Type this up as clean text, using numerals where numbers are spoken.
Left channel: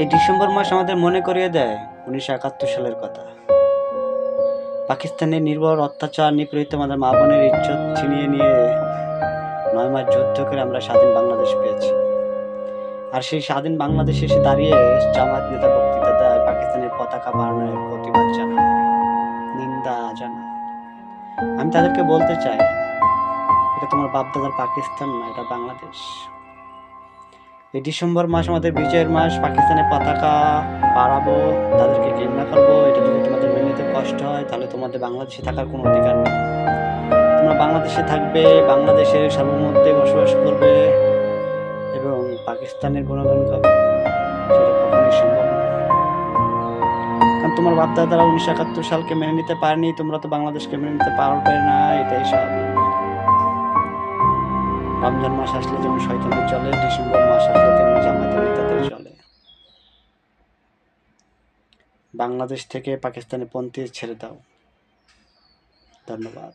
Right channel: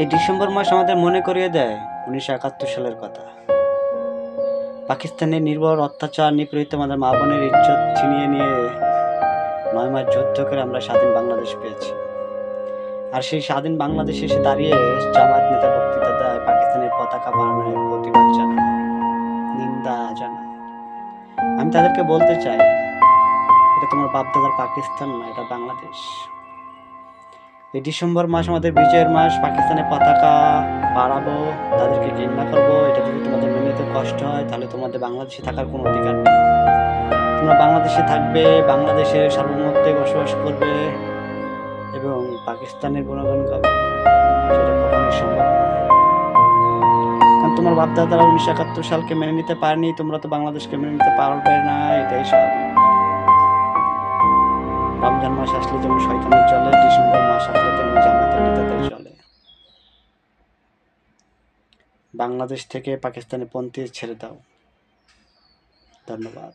এই ডিসেম্বর মাস আমাদের মনে করিয়ে দেয় 1971 সালের কথা। পাকিস্তানের নির্ভর অত্যাচার নিপীড়িত আমাদের মা বোনের ইজ্জত ছিনিয়ে নিয়ে 9 মাস যুদ্ধ করে আমরা স্বাধীন বাংলাদেশ পেয়েছি। আর সেই স্বাধীন বাংলাদেশে এসে দাঁড়িয়ে জামায়াত নেতা বক্তৃতা দেয়, পাকিস্তানের পতাকা বাড়ানোর প্রতিবাদ জানায়, নিন্দা জানায়। আমি তাদেরকে বলতে চাই, এটা তোমার বাপদাদার পাকিস্তান না, এটা বাংলাদেশ। এই ডিসেম্বর মাস আমাদের বিজয়ের মাস। পাকিস্তানের পতাকা বাড়াবো, তাদেরকে ঘৃণা করবো, এটা যদি তোমাদের মেনে নিতে কষ্ট হয় তাহলে তোমাদের বাংলাদেশে থাকার কোনো অধিকার নেই। তোমরা বাংলাদেশে থাকবে, বাংলাদেশের সার্বভৌমত্বে বসবাস করবে এবং পাকিস্তানের গুণগান গাবে, সেটা কখনোই সম্ভব নয়। কারণ তোমার বাপদাদারা 1971 সালকে মেনে নিতে পারেনি, তোমরা তো বাংলাদেশকে মেনে নিতে পারবে না, এটাই স্বাভাবিক। রমজান মাস আসলে যেমন শয়তানের চলে, ডিসেম্বর মাস আসলে তেমনি জামায়াতের নেতাদের চলে। বাংলাদেশ থেকে পাকিস্তানি পন্থী ছেড়ে দাও। ধন্যবাদ।